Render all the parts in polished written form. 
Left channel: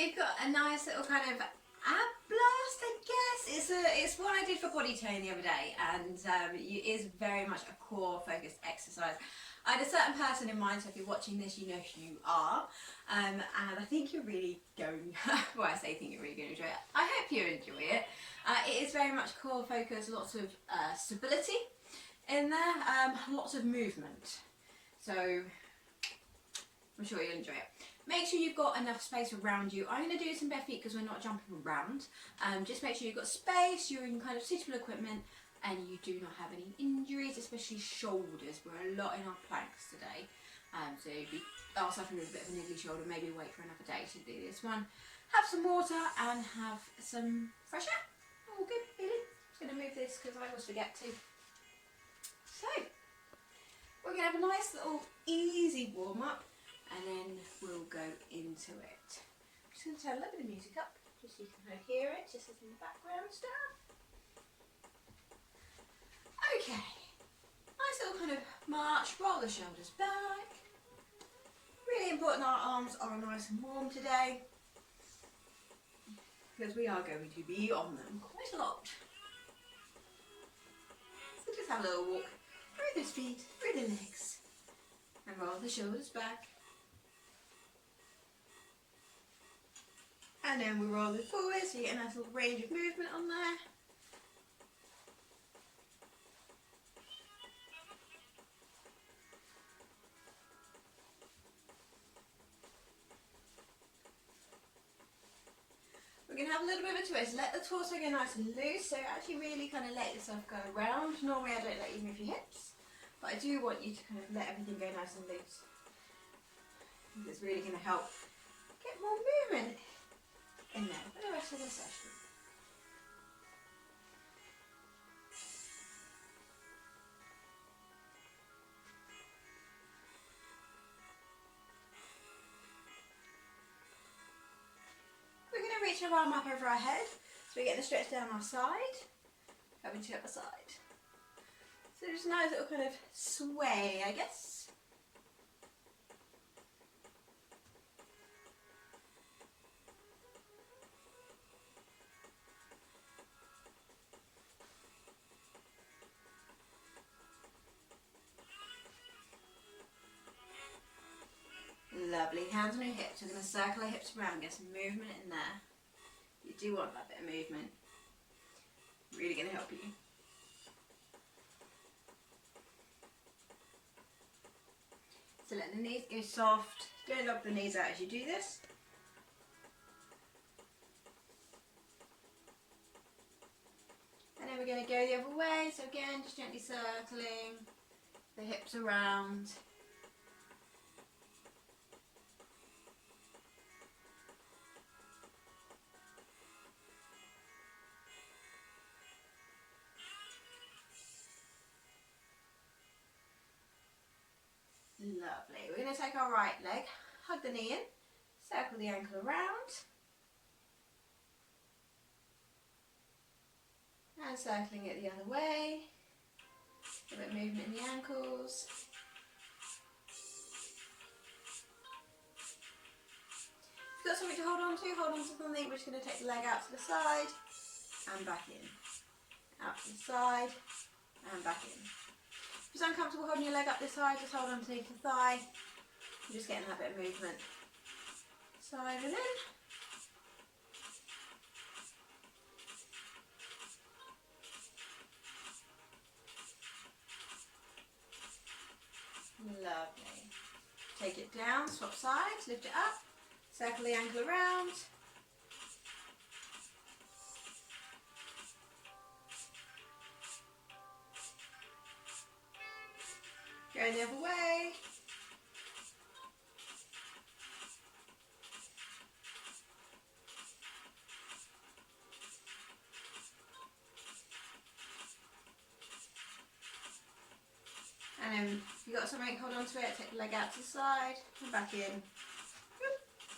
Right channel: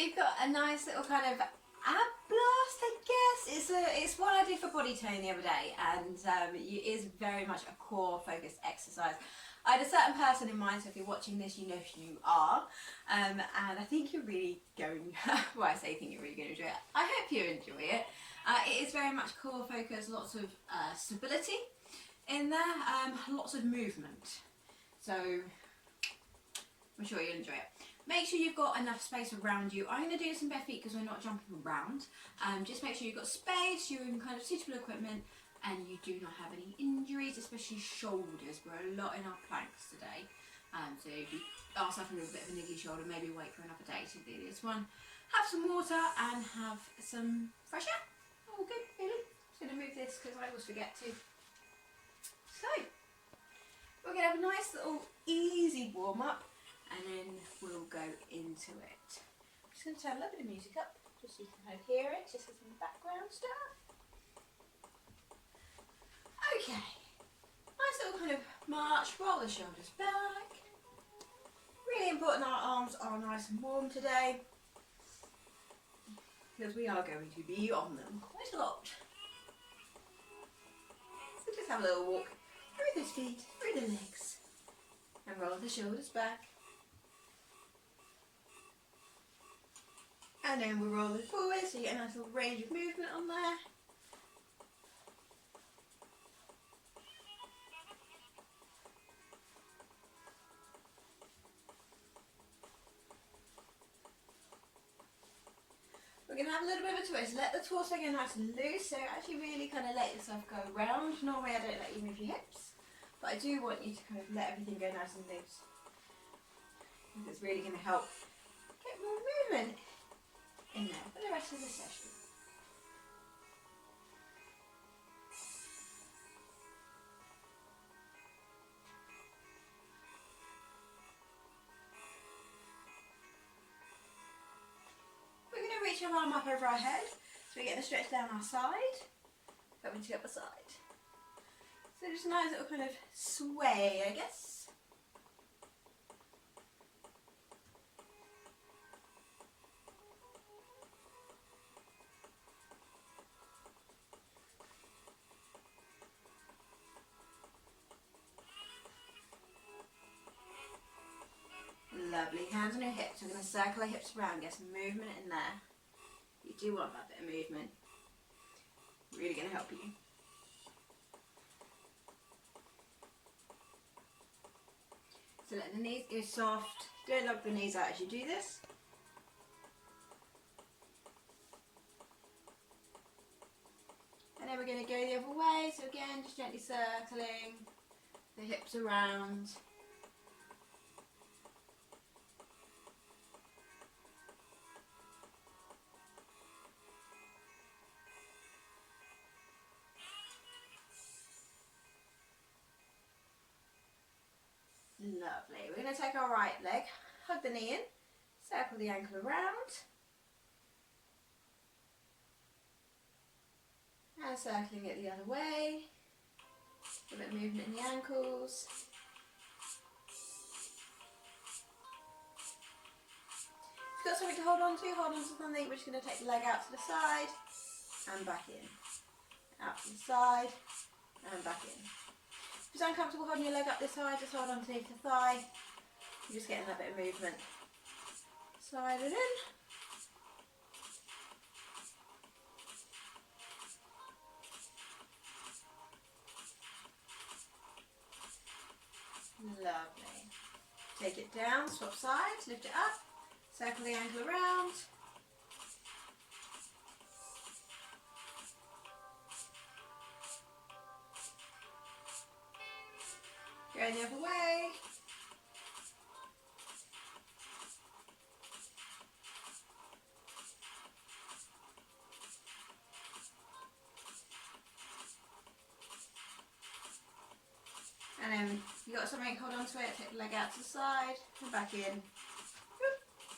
we've got a nice little kind of ab blast, I guess. It's one I did for body tone the other day, and it is very much a core focused exercise. I had a certain person in mind, so if you're watching this, you know who you are, and I think you're really going, well, I say think you're really going to enjoy it. I hope you enjoy it. It is very much core focused, lots of stability in there, lots of movement. So I'm sure you'll enjoy it. Make sure you've got enough space around you. I'm going to do this in bare feet because we're not jumping around. Just make sure you've got space, you're in kind of suitable equipment, and you do not have any injuries, especially shoulders. We're a lot in our planks today. So if you are suffering with a bit of a niggly shoulder, maybe wait for another day to do this one. Have some water and have some fresh air. All good, really. Just going to move this because I always forget to. So, we're going to have a nice little easy warm up. And then we'll go into it. I'm just going to turn a little bit of music up, just so you can kind of hear it, just as some background stuff. Okay, nice little kind of march, roll the shoulders back. Really important our arms are nice and warm today, because we are going to be on them quite a lot. So just have a little walk through the feet, through the legs, and roll the shoulders back. And then we'll roll it forward, so you get a nice little range of movement on there. We're going to have a little bit of a twist. Let the torso go nice and loose, so actually really kind of let yourself go around. Normally I don't let you move your hips, but I do want you to kind of let everything go nice and loose. It's really going to help get more movement in there for the rest of the session. We're going to reach our arm up over our head, so we're getting a stretch down our side, coming to the other side. So just a nice little kind of sway, I guess. Lovely, hands on your hips. We're going to circle our hips around, get some movement in there. You do want that bit of movement. Really going to help you. So let the knees go soft. Don't lock the knees out as you do this. And then we're going to go the other way. So again, just gently circling the hips around. Lovely. We're going to take our right leg, hug the knee in, circle the ankle around, and circling it the other way. A bit of movement in the ankles. If you've got something to hold on to something. We're just going to take the leg out to the side and back in. Out to the side and back in. If it's uncomfortable holding your leg up this high, just hold on to the thigh. You're just getting that bit of movement. Side and in. Lovely. Take it down, swap sides, lift it up, circle the ankle around. Go the other way. And then if you've got something, hold on to it, take the leg out to the side, and back in,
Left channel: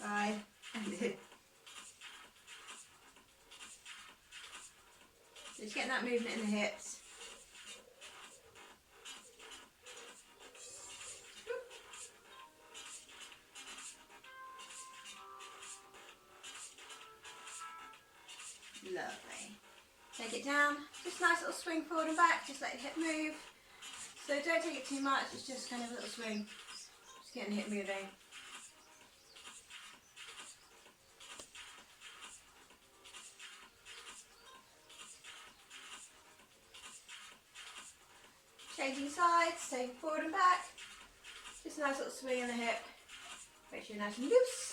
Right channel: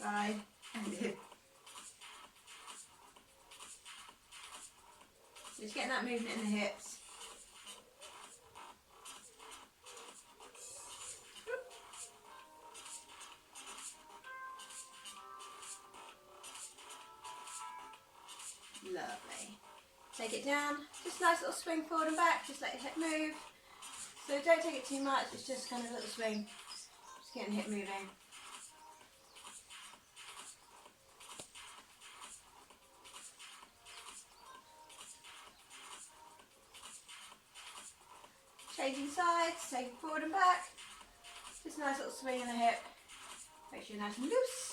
side, and in. So just getting that movement in the hips. Lovely. Take it down, just a nice little swing forward and back, just let your hip move. So don't take it too much, it's just kind of a little swing, just getting the hip moving. Changing sides, so forward and back, just a nice little swing in the hip, make sure you're nice and loose.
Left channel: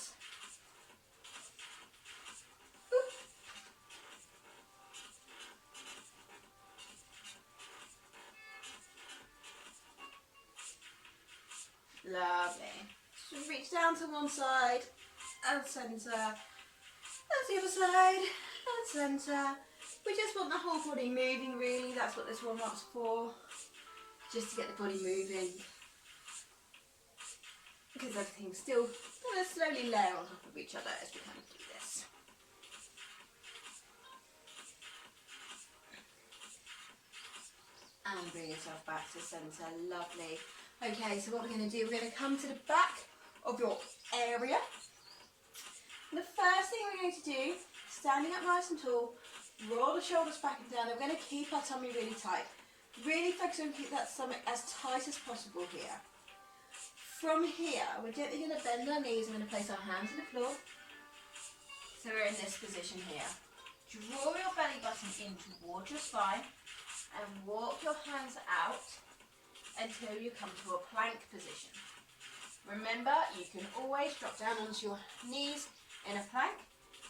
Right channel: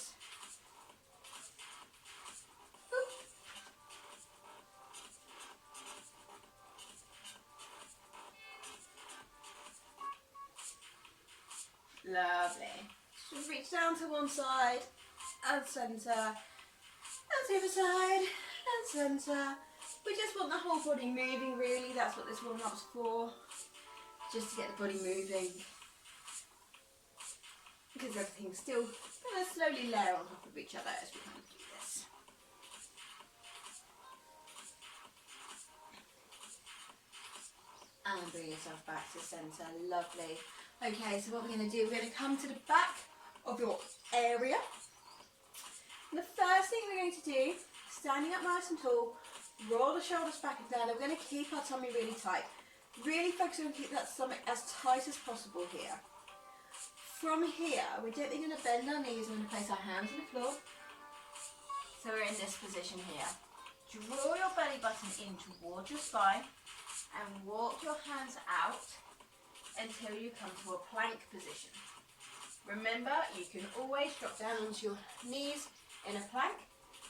Lovely. Just reach down to one side and centre, and the other side and centre. We just want the whole body moving really, that's what this warm-up's for. Just to get the body moving. Because everything's still going to slowly layer on top of each other as we kind of do this. And bring yourself back to centre, lovely. Okay, so what we're going to do, we're going to come to the back of your area. And the first thing we're going to do, standing up nice and tall, roll the shoulders back and down. And we're going to keep our tummy really tight. Really focus on keep that stomach as tight as possible here. From here, we're gently going to bend our knees. We're going to place our hands on the floor. So we're in this position here. Draw your belly button in towards your spine and walk your hands out until you come to a plank position. Remember, you can always drop down onto your knees in a plank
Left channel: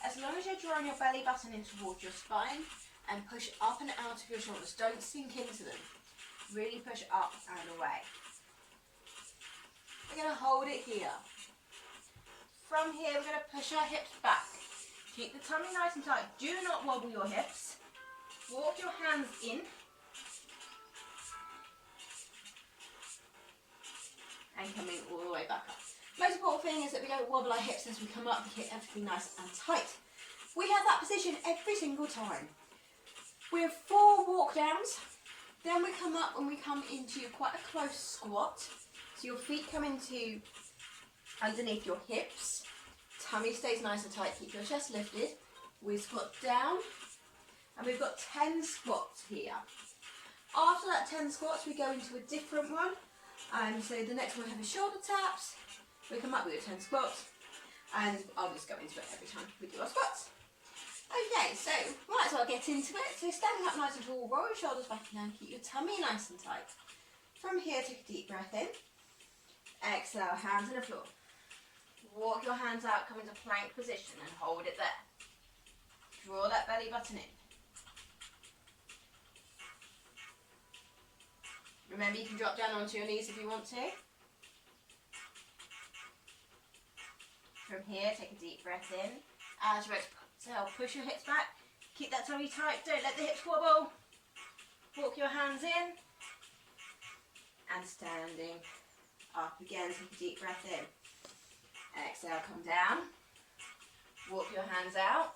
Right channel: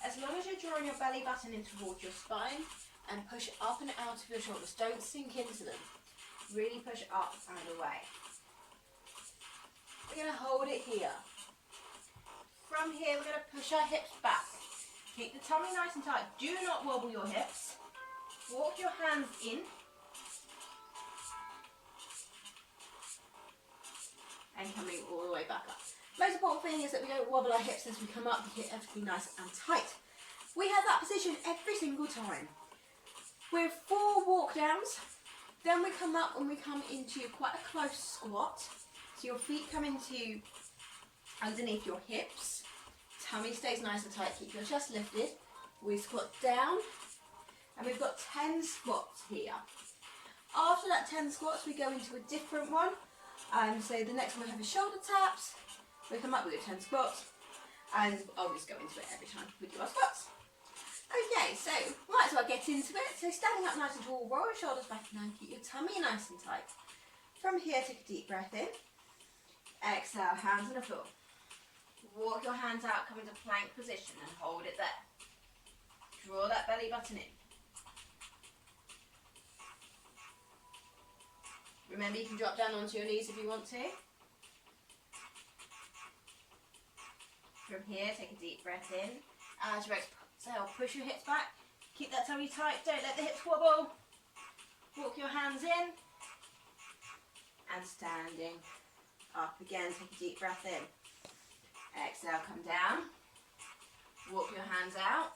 as long as you're drawing your belly button in towards your spine and push up and out of your shoulders. Don't sink into them. Really push up and away. We're going to hold it here. From here, we're going to push our hips back. Keep the tummy nice and tight. Do not wobble your hips. Walk your hands in. And coming all the way back up. Most important thing is that we don't wobble our hips as we come up. We keep everything nice and tight. We have that position every single time. We have 4 walk downs. Then we come up and we come into quite a close squat. So your feet come into underneath your hips. Tummy stays nice and tight. Keep your chest lifted. We squat down. And we've got 10 squats here. After that 10 squats, we go into a different one. So the next one we have is shoulder taps. We come up with 10 squats, and I'll just go into it every time we do our squats. Okay, so might as well get into it. So standing up nice and tall, roll your shoulders back and down, keep your tummy nice and tight. From here, take a deep breath in. Exhale, hands on the floor. Walk your hands out, come into plank position and hold it there. Draw that belly button in. Remember, you can drop down onto your knees if you want to. From here, take a deep breath in. As you exhale, push your hips back. Keep that tummy tight. Don't let the hips wobble. Walk your hands in. And standing up again, take a deep breath in. Exhale, come down. Walk your hands out.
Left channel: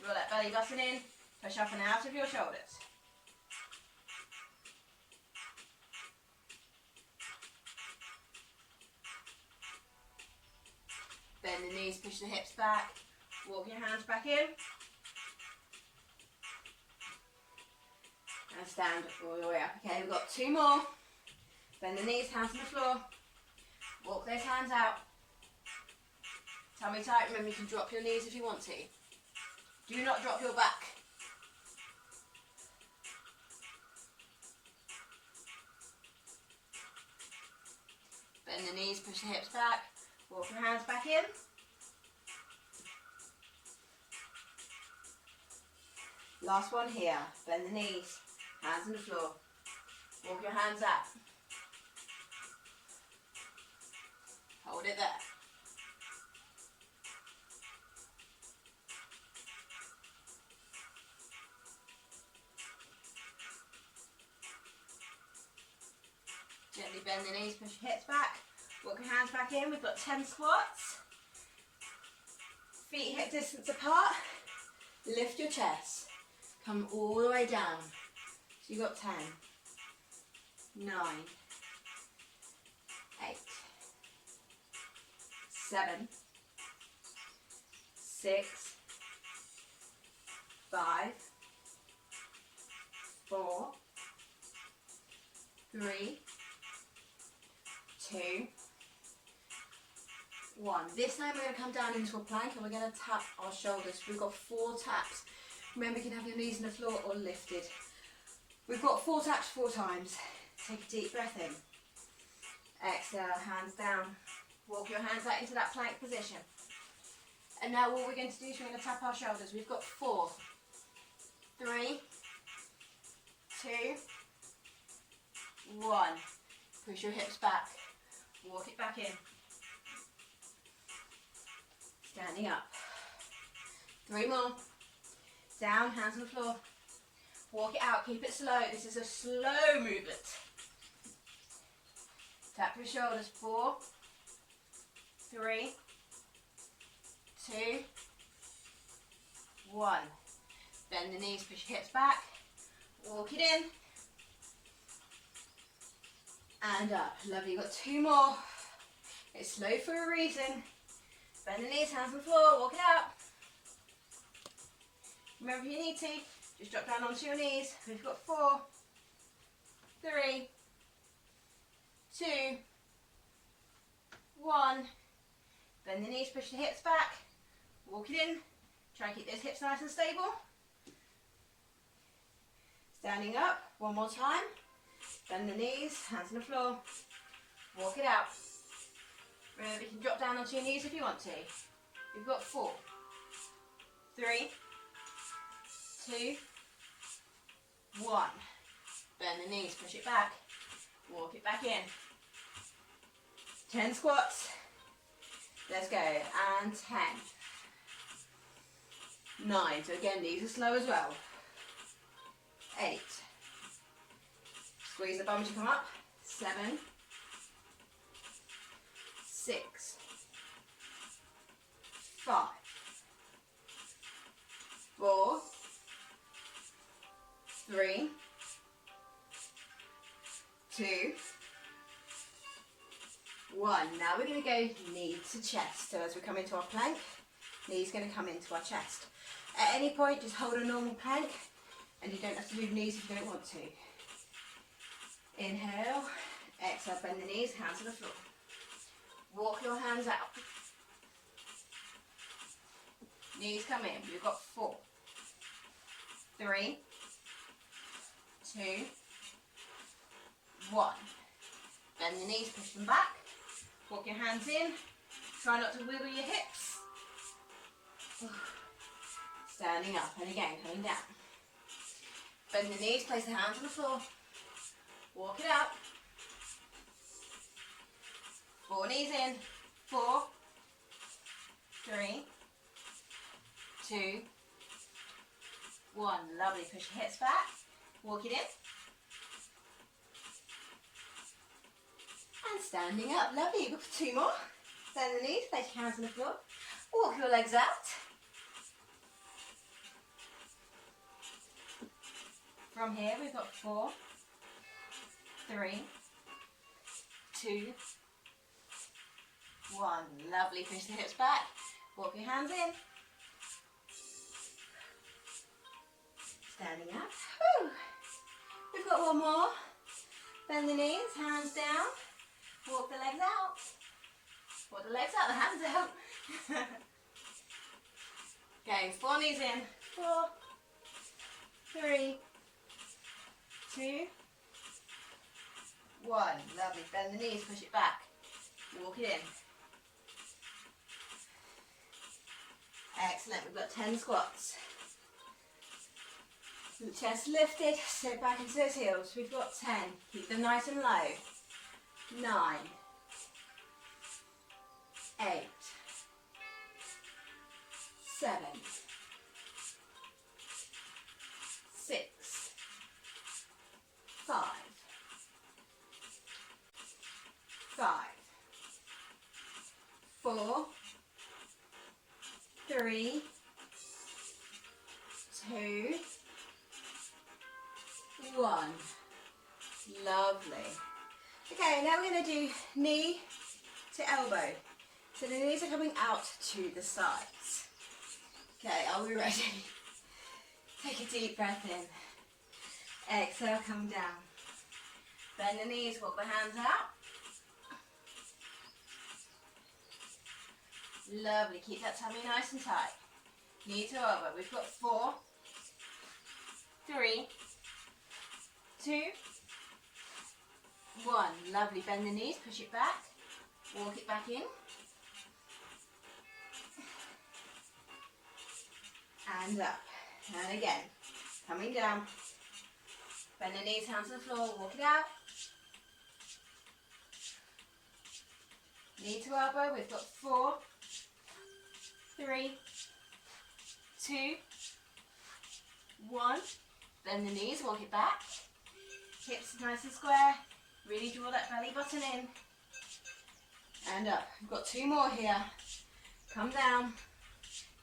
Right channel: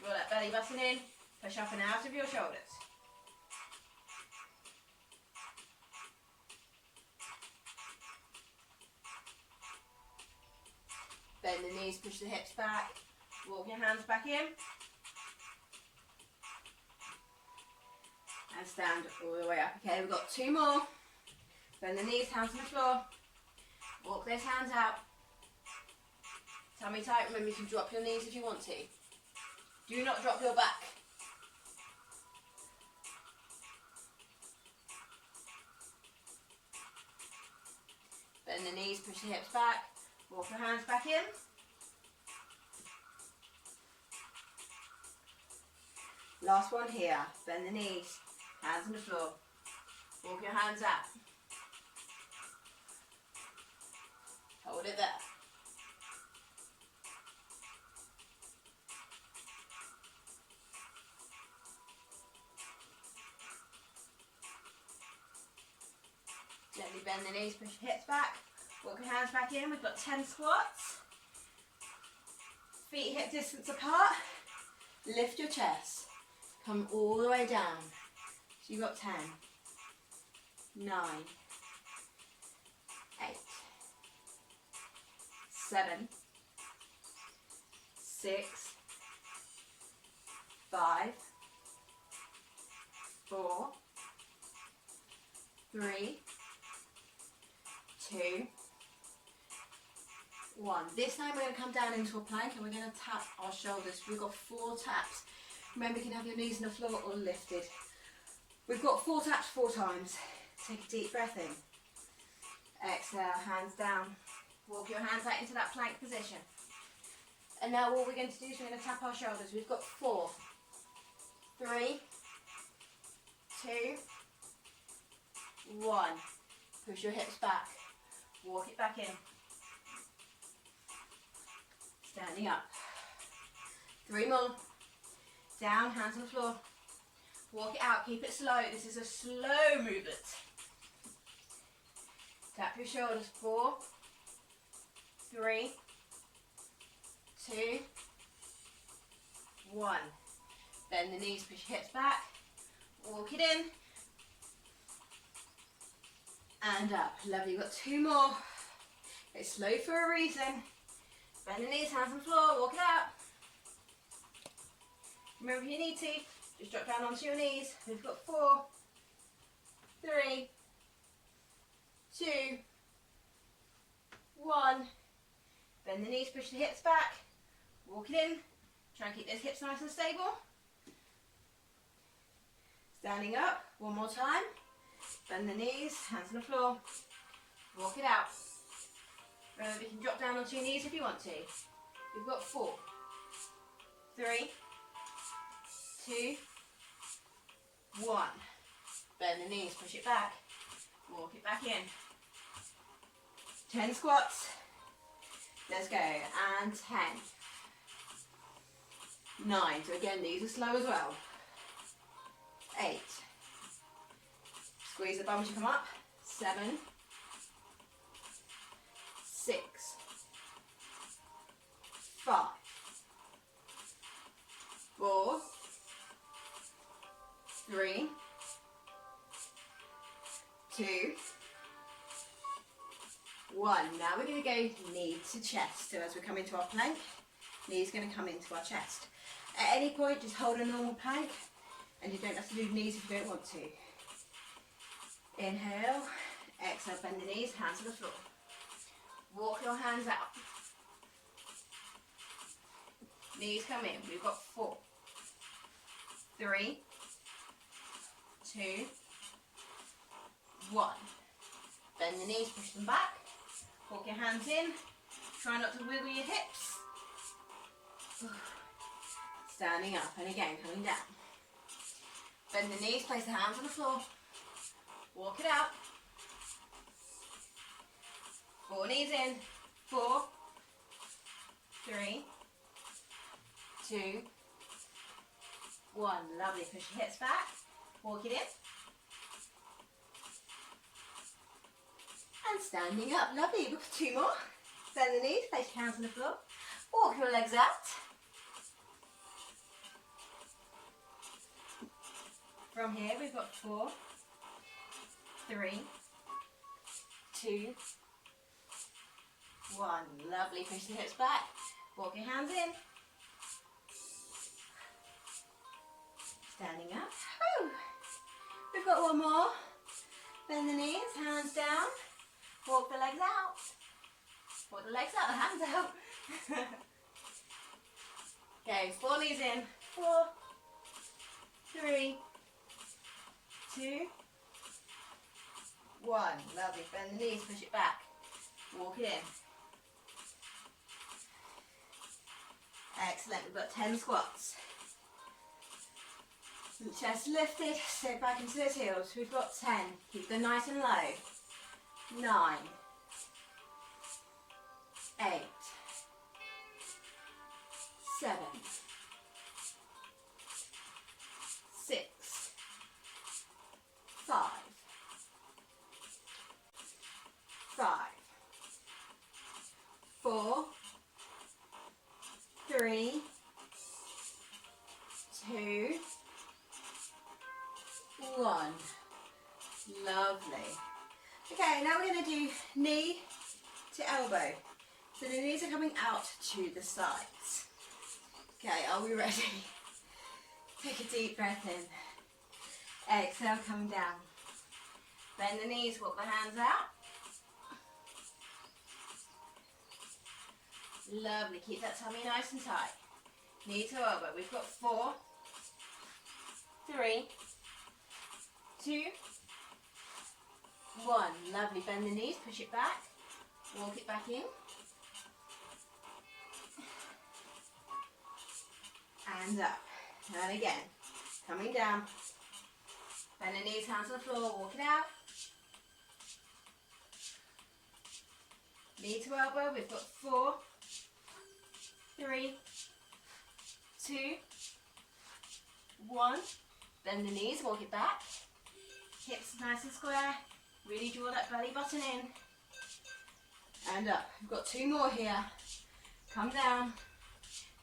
Draw that belly button in. Push up and out of your shoulders. Bend the knees, push the hips back. Walk your hands back in. And stand all the way up. Okay, we've got 2 more. Bend the knees, hands on the floor. Walk those hands out. Tummy tight. Remember, you can drop your knees if you want to. Do not drop your back. Bend the knees, push the hips back. Walk your hands back in. Last one here. Bend the knees, hands on the floor. Walk your hands out. Hold it there. Gently bend the knees, push your hips back. Walk your hands back in. We've got 10 squats. Feet hip distance apart. Lift your chest. Come all the way down. So you've got 10, 9, 8, 7, 6, 5, 4, 3, 2, 1. This time we're going to come down into a plank and we're going to tap our shoulders. We've got 4 taps. Remember, you can have your knees on the floor or lifted. We've got 4 taps 4 times. Take a deep breath in. Exhale, hands down. Walk your hands out into that plank position. And now what we're going to do is we're going to tap our shoulders. We've got 4, 3, 2, 1. Push your hips back. Walk it back in. Standing up. 3 more. Down, hands on the floor. Walk it out, keep it slow. This is a slow movement. Tap your shoulders. 4, 3, 2, 1. Bend the knees, push your hips back. Walk it in. And up. Lovely. You've got 2 more. It's slow for a reason. Bend the knees, hands on the floor, walk it out. Remember, if you need to, just drop down onto your knees. We've got 4, 3, 2, 1. Bend the knees, push the hips back. Walk it in. Try and keep those hips nice and stable. Standing up, 1 more time. Bend the knees, hands on the floor. Walk it out. Remember, you can drop down onto your knees if you want to. You've got 4, 3, 2, 1. Bend the knees, push it back. Walk it back in. 10 squats. Let's go. And 10. 9. So again, these are slow as well. 8. Squeeze the bum to come up. 7. 6, 5, 4, 3, 2, 1. Now we're going to go knee to chest. So as we come into our plank, knee's going to come into our chest. At any point, just hold a normal plank, and you don't have to do knees if you don't want to. Inhale, exhale, bend the knees, hands on the floor. Walk your hands out. Knees come in. We've got 4, 3, 2, 1. Bend the knees, push them back. Walk your hands in. Try not to wiggle your hips. Standing up and again coming down. Bend the knees, place the hands on the floor. Walk it out. 4 knees in. 4, 3, 2, 1. Lovely. Push your hips back. Walk it in. And standing up. Lovely. We've got 2 more. Bend the knees. Place your hands on the floor. Walk your legs out. From here we've got 4, 3, 2, 1. Lovely. Push the hips back. Walk your hands in. Standing up. Whew. We've got 1 more. Bend the knees, hands down. Walk the legs out. Walk the legs out, the hands out. Okay, 4 knees in. 4, 3, 2, 1. Lovely. Bend the knees, push it back. Walk it in. Excellent. We've got 10 squats. Chest lifted. Sit back into those heels. We've got 10. Keep them nice and low. 9, 8, 7, 6, 5, 4, 3, 2, 1. Lovely. Okay, now we're going to do knee to elbow. So the knees are coming out to the sides. Okay, are we ready? Take a deep breath in. Exhale, come down. Bend the knees, walk the hands out. Lovely, keep that tummy nice and tight. Knee to elbow. We've got 4, 3, 2, 1. Lovely, bend the knees, push it back. Walk it back in. And up. And again. Coming down. Bend the knees, hands on the floor, walk it out. Knee to elbow, we've got 4, 3, 2, 1. Bend the knees, walk it back. Hips nice and square. Really draw that belly button in. And up. We've got 2 more here. Come down.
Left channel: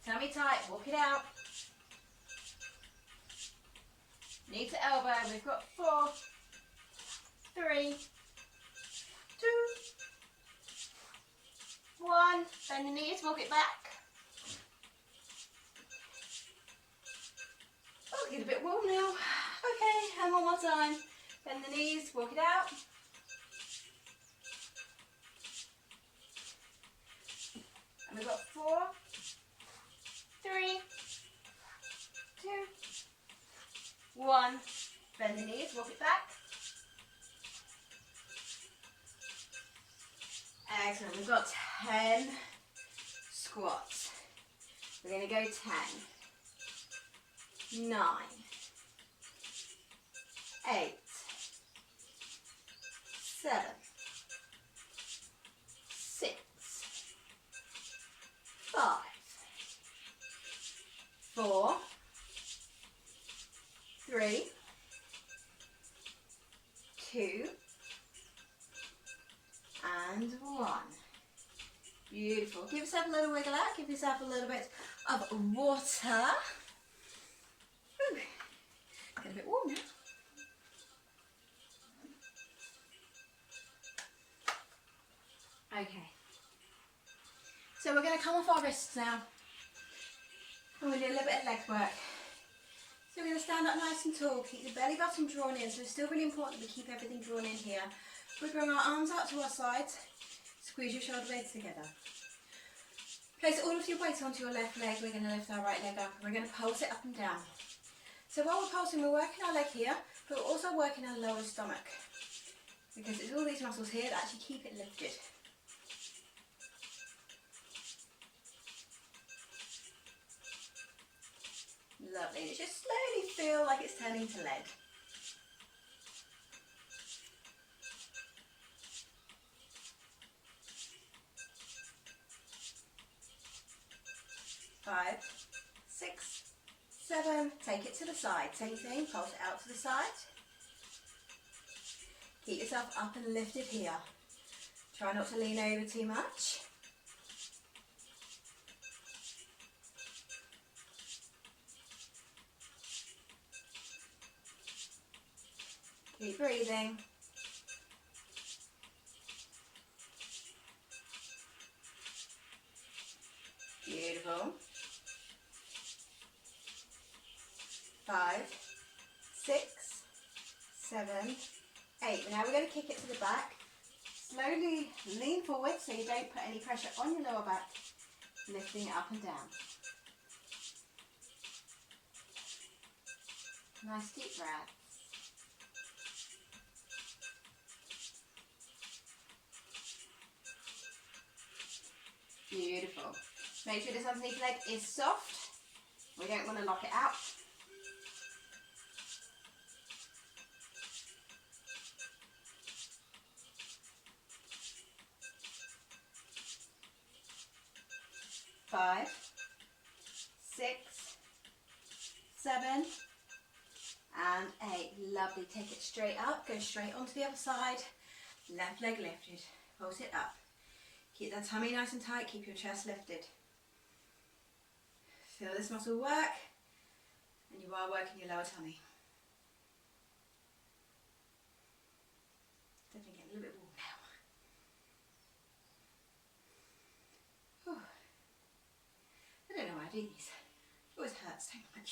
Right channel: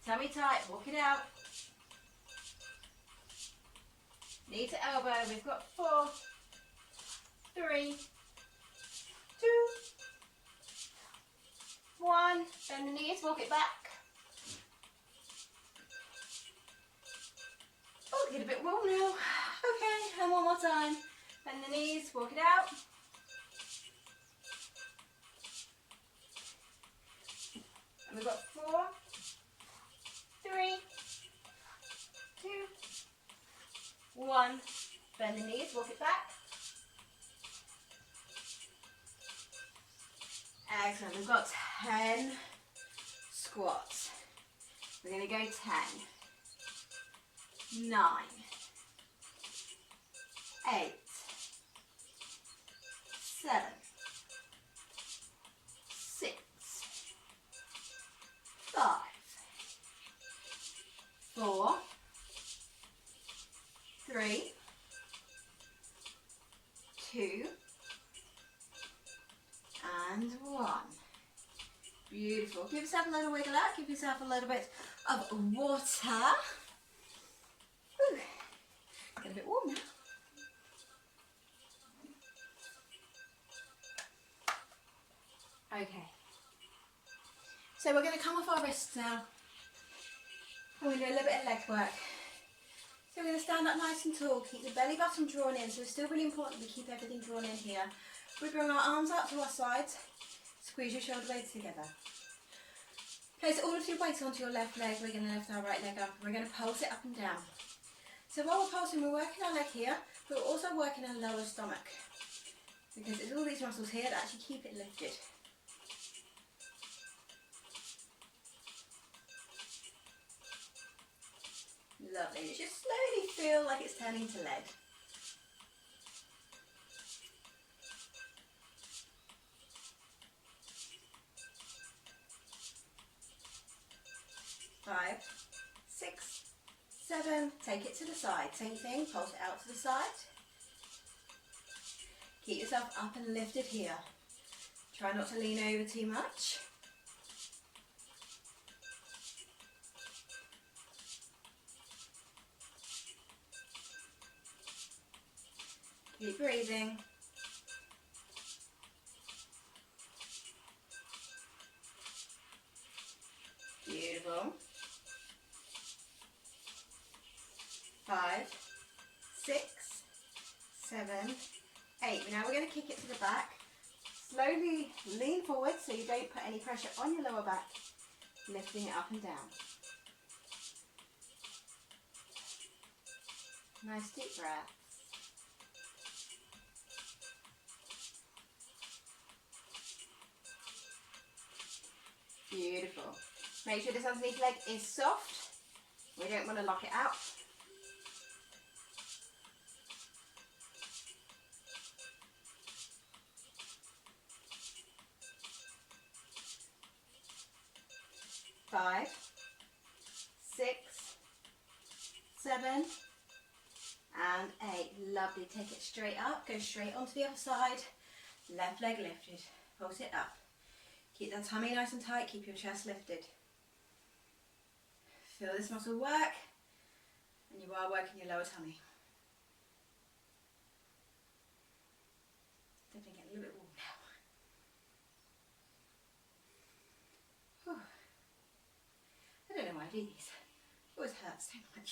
Tummy tight, walk it out. Knee to elbow, we've got 4, 3, 2, 1. Bend the knees, walk it back. Oh, get a bit warm now. Okay, and one more time. Bend the knees, walk it out. And we've got 4, 3, 2, 1. Bend the knees, walk it back. Excellent. We've got 10 squats. We're going to go 10, 9, 8, 7, 6, 5, 4, 3, 2, and 1. Beautiful. Give yourself a little wiggle out. Give yourself a little bit of water. Whew. Get a bit warm now. Okay. So we're going to come off our wrists now. We're going to do a little bit of leg work. So we're going to stand up nice and tall. Keep the belly button drawn in. So it's still really important we keep everything drawn in here. We bring our arms out to our sides. Squeeze your shoulder blades together. Place all of your weight onto your left leg. We're going to lift our right leg up. We're going to pulse it up and down. So while we're pulsing, we're working our leg here, but we're also working our lower stomach. Because it's all these muscles here that actually keep it lifted. Lovely. Just slowly feel like it's turning to lead. Five, 6, 7. Take it to the side. Same thing. Pulse it out to the side. Keep yourself up and lifted here. Try not to lean over too much. Keep breathing. Beautiful. 5, 6, 7, 8. Now we're going to kick it to the back. Slowly lean forward so you don't put any pressure on your lower back. Lifting it up and down. Nice deep breath. Beautiful. Make sure this underneath leg is soft. We don't want to lock it out. Five, 6, 7, and 8. Lovely. Take it straight up. Go straight onto the other side. Left leg lifted. Pulse it up. Keep that tummy nice and tight. Keep your chest lifted. Feel this muscle work, and you are working your lower tummy. Definitely getting a little bit warm now. Whew. I don't know why I do these. It always hurts so much.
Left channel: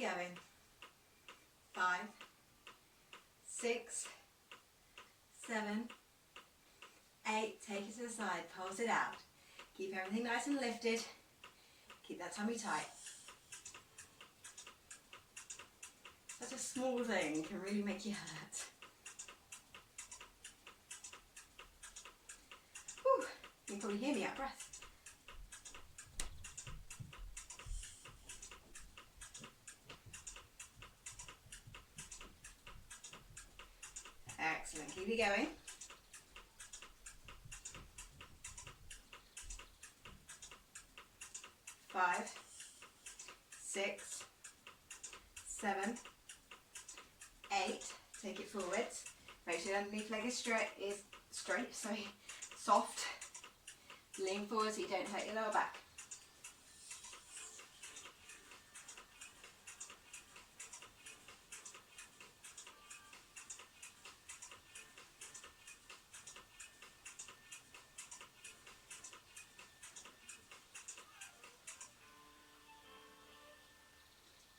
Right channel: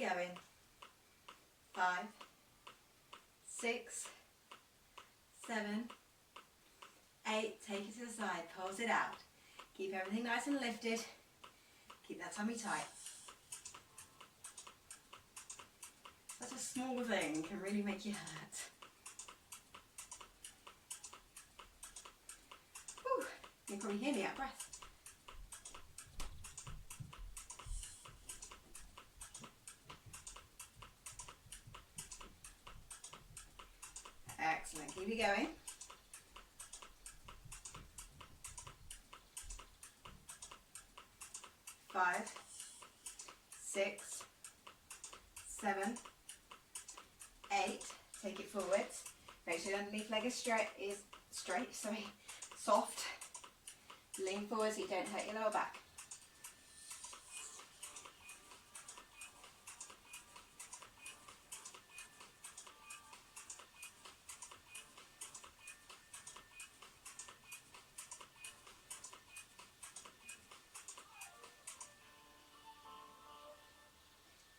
it going. 5, 6, 7, 8. Take it to the side, pulse it out. Keep everything nice and lifted. Keep that tummy tight. Such a small thing can really make you hurt. Whew. You can probably hear me out of breath. Excellent, keep it going. 5, 6, 7, 8. Take it forwards. Make sure your underneath leg is straight, soft. Lean forward so you don't hurt your lower back.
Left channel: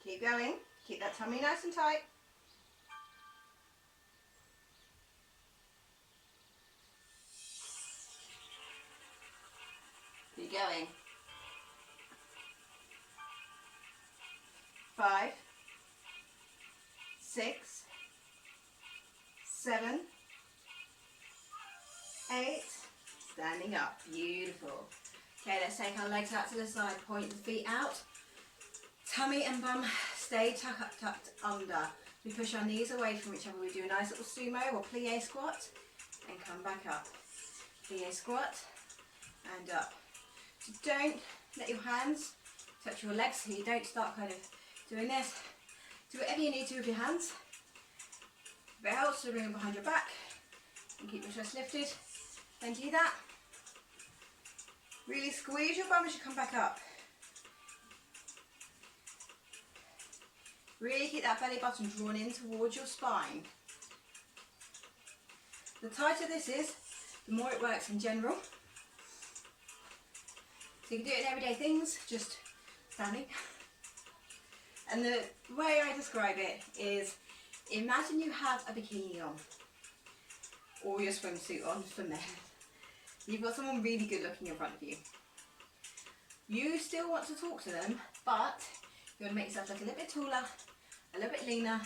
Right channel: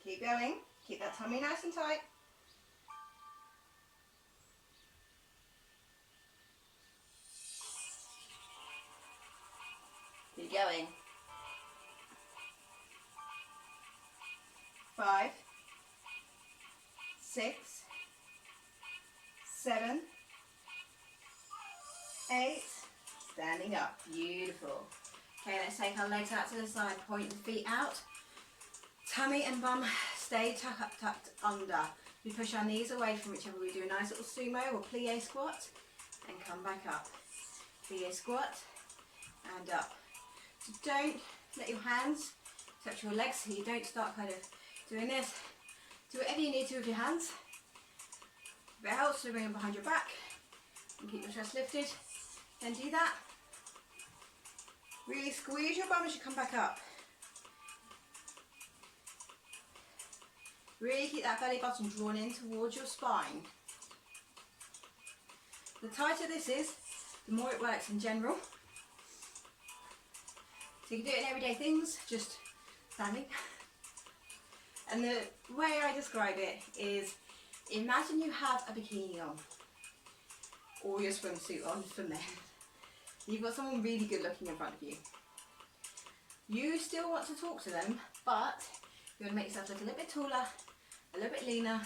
Keep going. Keep that tummy nice and tight. Keep going. 5, 6, 7, 8. Standing up. Beautiful. Okay, let's take our legs out to the side. Point the feet out. Tummy and bum stay tucked under. We push our knees away from each other. We do a nice little sumo or plie squat and come back up. Plie squat and up. So don't let your hands touch your legs so you don't start kind of doing this. Do whatever you need to with your hands. If it helps to bring them behind your back and keep your chest lifted, then do that. Really squeeze your bum as you come back up. Really keep that belly button drawn in towards your spine. The tighter this is, the more it works in general. So you can do it in everyday things, just standing. And the way I describe it is, imagine you have a bikini on, or your swimsuit on for men. You've got someone really good looking in front of you. You still want to talk to them, but you want to make yourself look a little bit taller, a little bit leaner,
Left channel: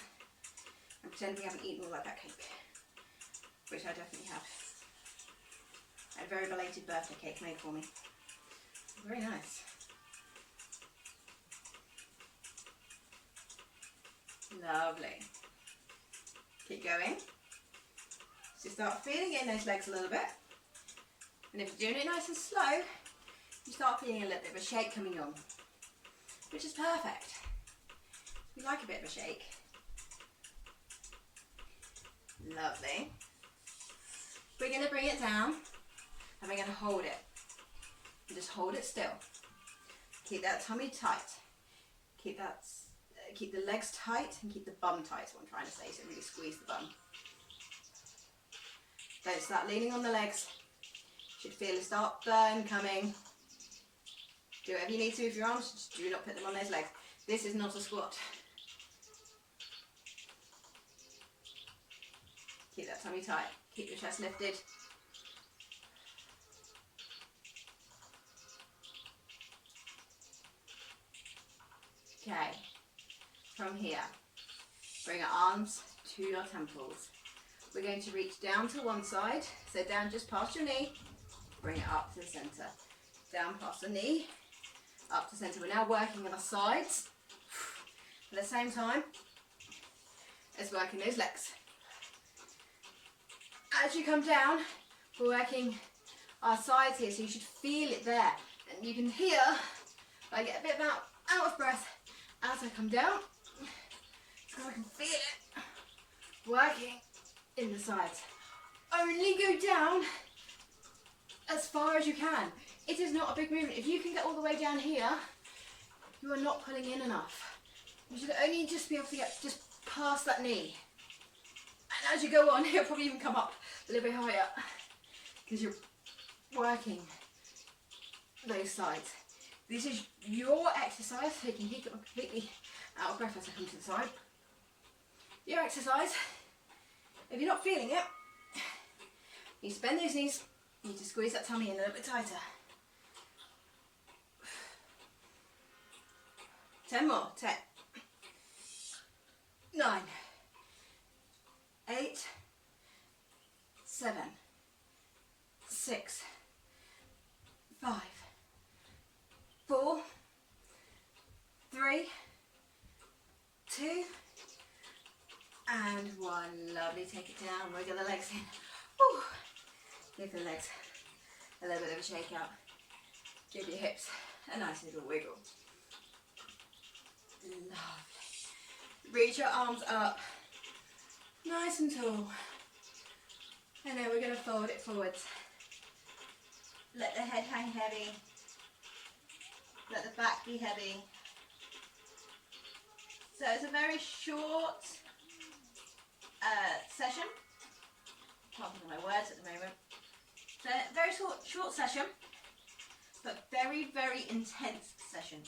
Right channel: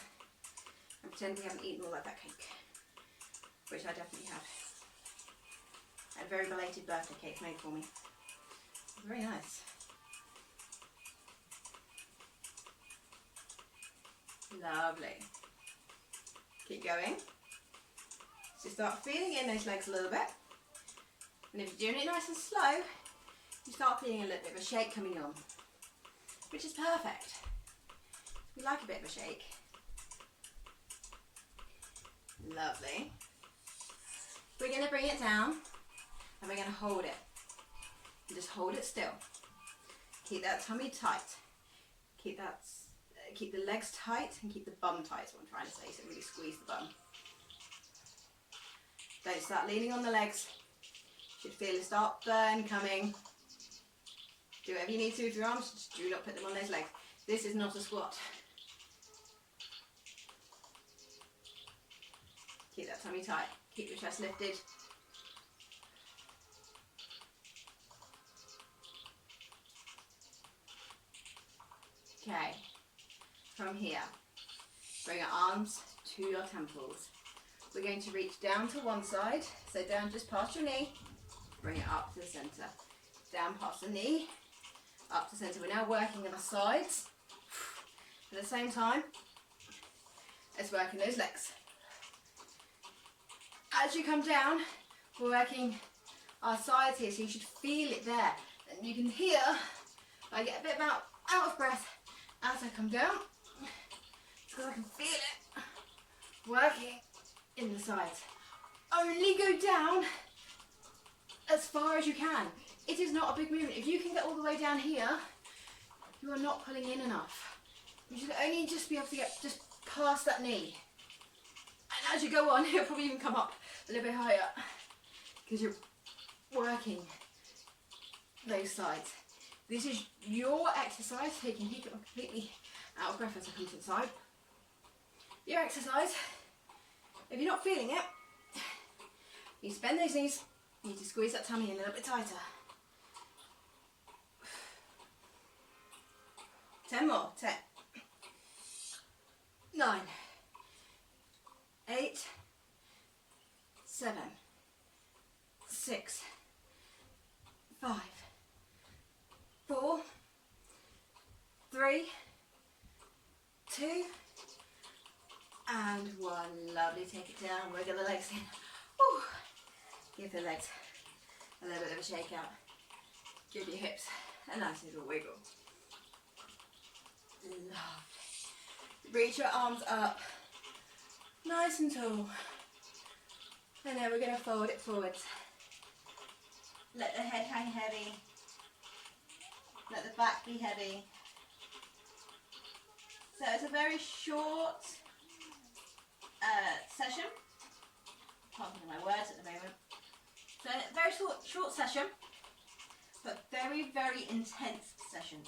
and pretend we haven't eaten all of that cake, which I definitely have. I had a very belated birthday cake made for me. Very nice. Lovely. Keep going. So start feeling in those legs a little bit. And if you're doing it nice and slow, you start feeling a little bit of a shake coming on, which is perfect. We like a bit of a shake. Lovely. We're going to bring it down and we're going to hold it. And just hold it still. Keep that tummy tight. Keep the legs tight and keep the bum tight, is what I'm trying to say, so really squeeze the bum. Don't start leaning on the legs. You should feel a start burn coming. Do whatever you need to with your arms, just do not put them on those legs. This is not a squat. Keep that tummy tight. Keep your chest lifted. Okay, from here, bring your arms to your temples. We're going to reach down to one side, so down just past your knee, bring it up to the center. Down past the knee, up to center. We're now working on our sides at the same time as working those legs. As you come down, we're working our sides here, so you should feel it there. And you can hear, I get a bit out of breath as I come down, because I can feel it working in the sides. Only go down as far as you can. It is not a big movement. If you can get all the way down here, you are not pulling in enough. You should only just be able to get just past that knee. And as you go on, it'll probably even come up a little bit higher, because you're working those sides. This is your exercise, so you can keep it completely out of breath as I come to the side. Your exercise, if you're not feeling it, you need to bend those knees, you need to squeeze that tummy in a little bit tighter. 10 more. 10, 9, 8, 7, 6, 5, 4, 3, 2, and 1. Lovely. Take it down. Wiggle the legs in. Woo. Give the legs a little bit of a shake out. Give your hips a nice little wiggle. Lovely. Reach your arms up, nice and tall. And then we're going to fold it forwards. Let the head hang heavy. Let the back be heavy. So it's a very short session. Can't think of my words at the moment. So very short session, but very, very intense session.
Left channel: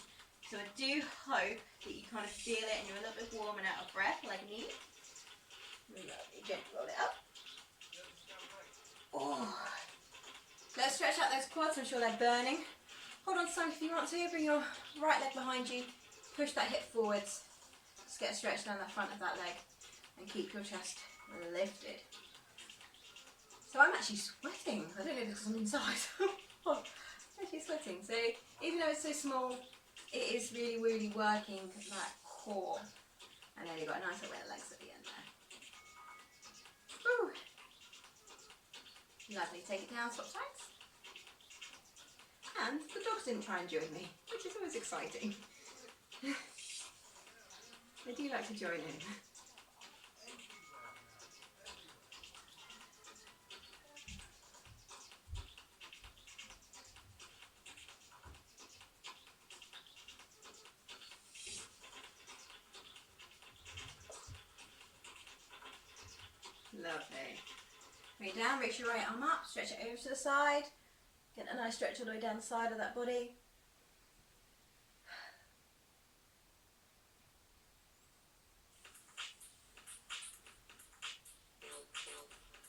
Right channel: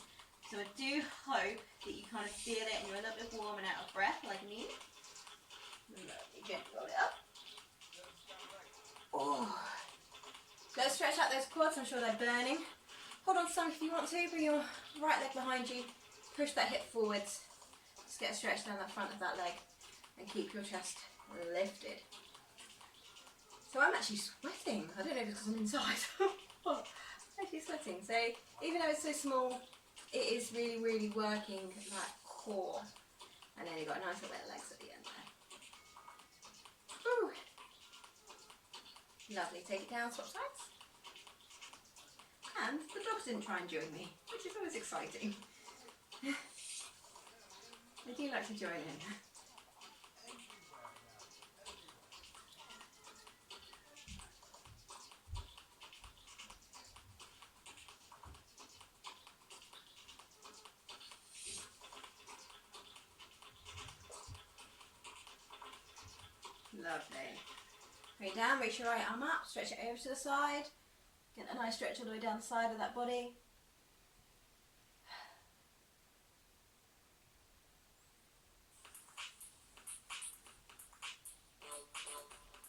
So I do hope that you kind of feel it and you're a little bit warm and out of breath like me. Lovely, gently roll it up. Oh. Let's stretch out those quads, I'm sure they're burning. Hold on to something if you want to. Bring your right leg behind you. Push that hip forwards. Just get a stretch down the front of that leg and keep your chest lifted. So I'm actually sweating. I don't know if it's because I'm inside. I'm actually sweating. So even though it's so small, it is really, really working that core. And then you've got nice little legs at the end there. Woo. Lovely. Take it down, swap sides. And the dogs didn't try and join me, which is always exciting. They do like to join in. Lovely. Bring it down, reach your right arm up, stretch it over to the side. Get a nice stretch all the way down the side of that body.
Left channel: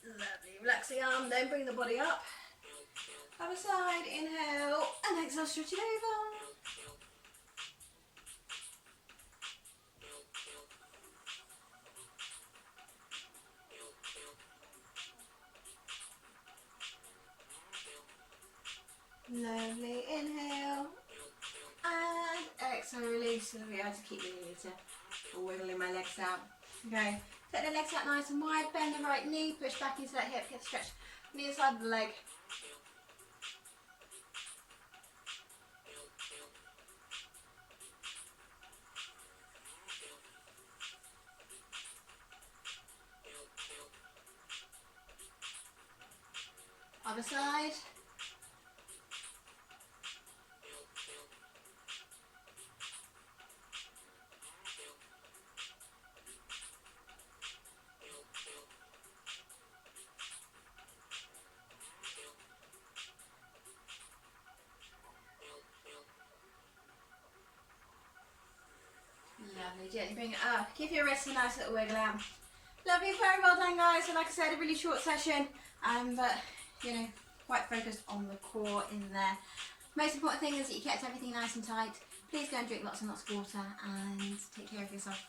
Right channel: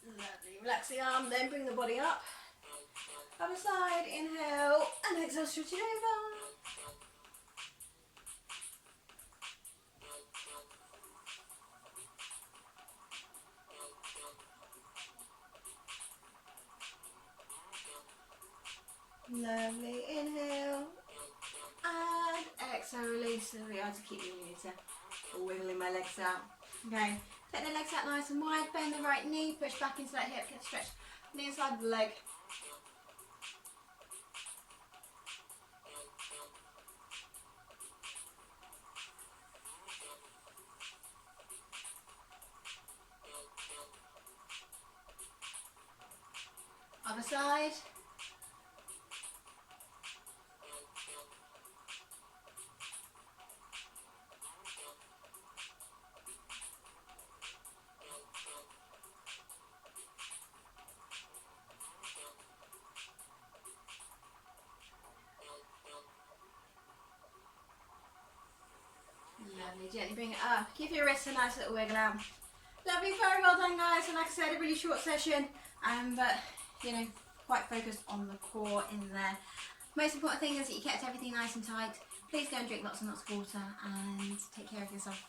Lovely. Relax the arm, then bring the body up. Other side, inhale, and exhale, stretch it over. Lovely, inhale, and exhale, release. So we have to keep wiggling my legs out. Okay, take the legs out nice and wide, bend the right knee, push back into that hip, get stretched on the inside of the leg. Other side. Lovely, gently bring it up. Give your wrists a nice little wiggle out. Lovely, very well done guys. So like I said, a really short session, but you know, quite focused on the core in there. Most important thing is that you kept everything nice and tight. Please go and drink lots and lots of water and take care of yourself.